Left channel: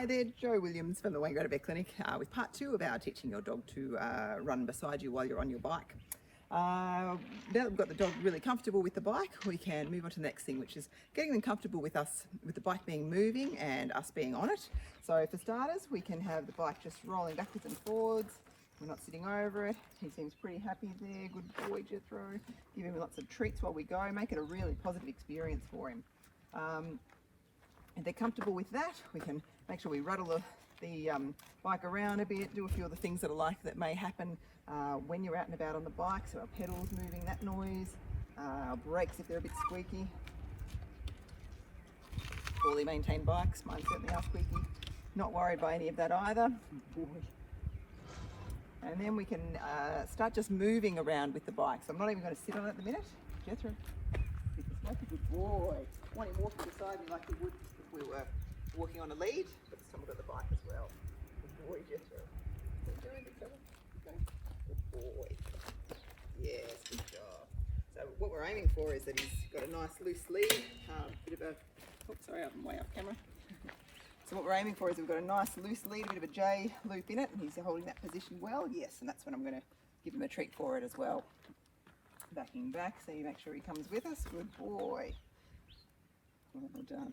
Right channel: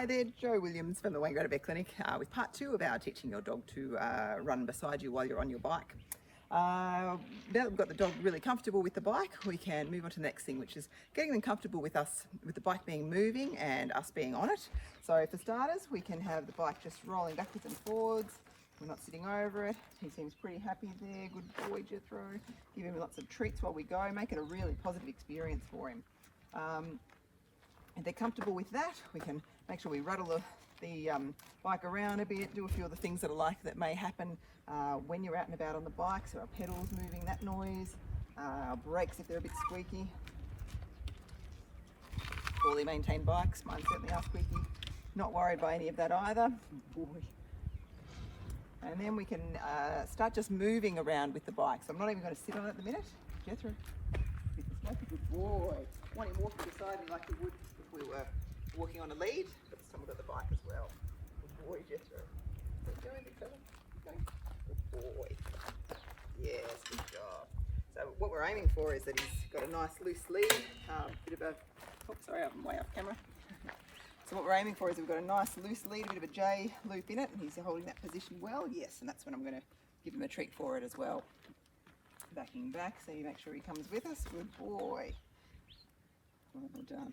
Hi there, Jo Williams from the Wangaratta Vet Clinic with part 2 of our teaching your dog to run beside you while you're on your bike. Now that we've got the dog really comfortable with the bike, we can move on to the next thing, which is getting them comfortable with us, with the bike being moving and us being on it. So for starters, we can have the bike just rolling backwards and forwards. We're not sitting over it. He seems pretty happy there. Good boy, Jethro. Give him lots of treats while we go. Make it a really positive experience for him. If they're comfortable with that, we can make sure we rattle the bike around a bit, do a few of the things that may happen when you're out and about on the bike. So our pedals moving, that noise, our brakes if they're a bit squeaky. Poorly maintained bikes, mine certainly are squeaky. Not worried by any of that either. Boy. And then we can start just moving around with the bike. So I'm not even going to sit on it at the minute. Jethro, like a good boy. I want him walking beside me like he would if we were walking on a lead, but someone got the bike as well. Good boy, Jethro. Good boy. Yes, good job. So what we're aiming for is that he's got a nice loose lead, bit of a, oops, sorry, I'm way off camera. So what we're aiming for is we've got a nice loose lead, a bit of a J loop in it, and he's holding that position well. Yes, and that's when I'm going to give him a treat for it as well. Backing back so you make sure he comes with us. Good boy. Well done.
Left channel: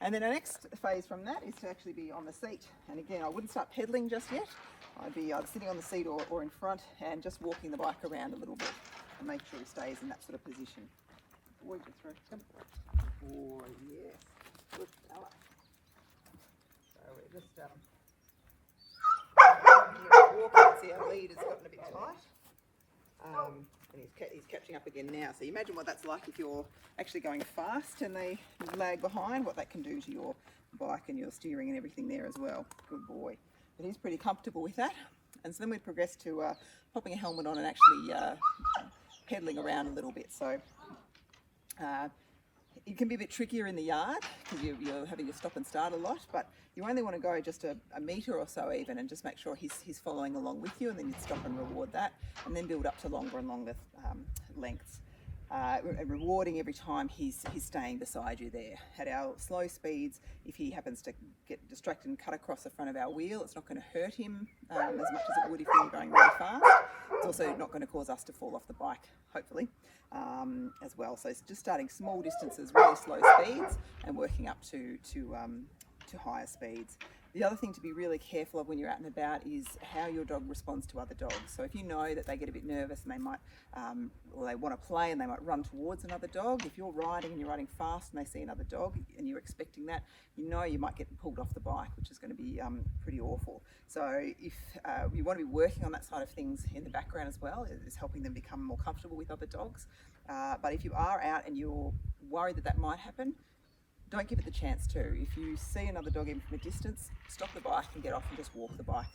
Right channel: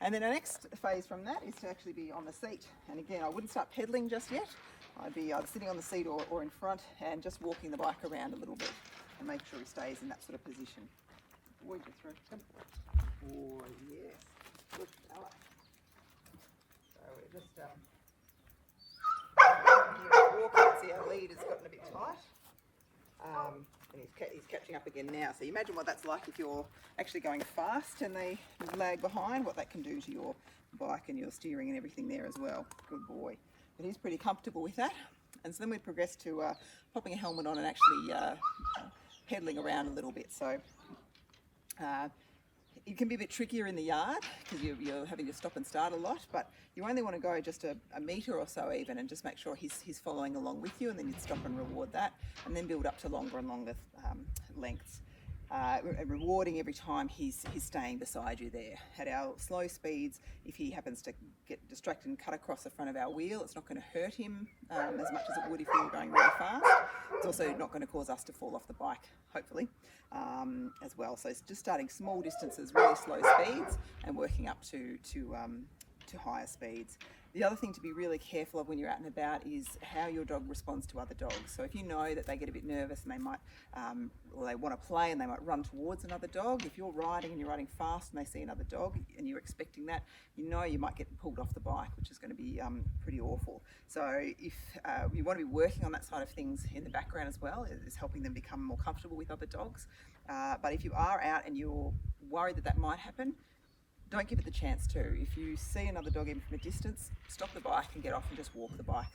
And then our next phase from that is to actually be on the seat. And again, I wouldn't start pedaling just yet. I'd be either sitting on the seat or in front and just walking the bike around a little bit and make sure he stays in that sort of position. Boy, just throw him. Boy, yes. Good fella. So we're just walking. See our lead has gotten a bit tight. And he's catching up again now. So you imagine what that's like if you're actually going fast and they lag behind, what that can do to your bike and your steering and everything there as well. Good boy. But he's pretty comfortable with that. And so then we'd progress to popping a helmet on and actually pedaling around a little bit. So it can be a bit trickier in the yard because you're having to stop and start a lot, but you only want to go just a metre or so even and just make sure he's following along with you, and then you'd stop and reward that and then build up to longer and longer lengths. Rewarding every time he's staying beside you there. At our slow speeds, if he happens to get distracted and cut across the front of our wheel, it's not going to hurt him as much as it would if we were going really fast. It's also not going to cause us to fall off the bike, hopefully, as well. So it's just starting small distances, really slow speeds, and working up to higher speeds. The other thing to be really careful of when you're out and about is how your dog responds to other dogs. So if you know that they get a bit nervous and they might, or they want to play and they might run towards another dog, if you're riding and you're riding fast and they see another dog and you're expecting that, you know you might get pulled off the bike, which is going to be pretty awful. So if you want to be working on that side of things in the background as well, is helping them become more comfortable with other dogs. But if you are out and you're worried that might happen, don't give it the chance to. If you see another dog even from a distance, stop the bike and get off and just walk the bike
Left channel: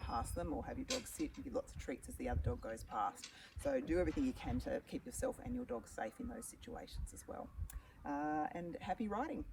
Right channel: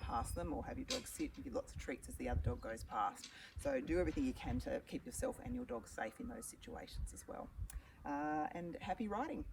past them, or have your dog sit and give lots of treats as the other dog goes past. So do everything you can to keep yourself and your dog safe in those situations as well. And happy riding.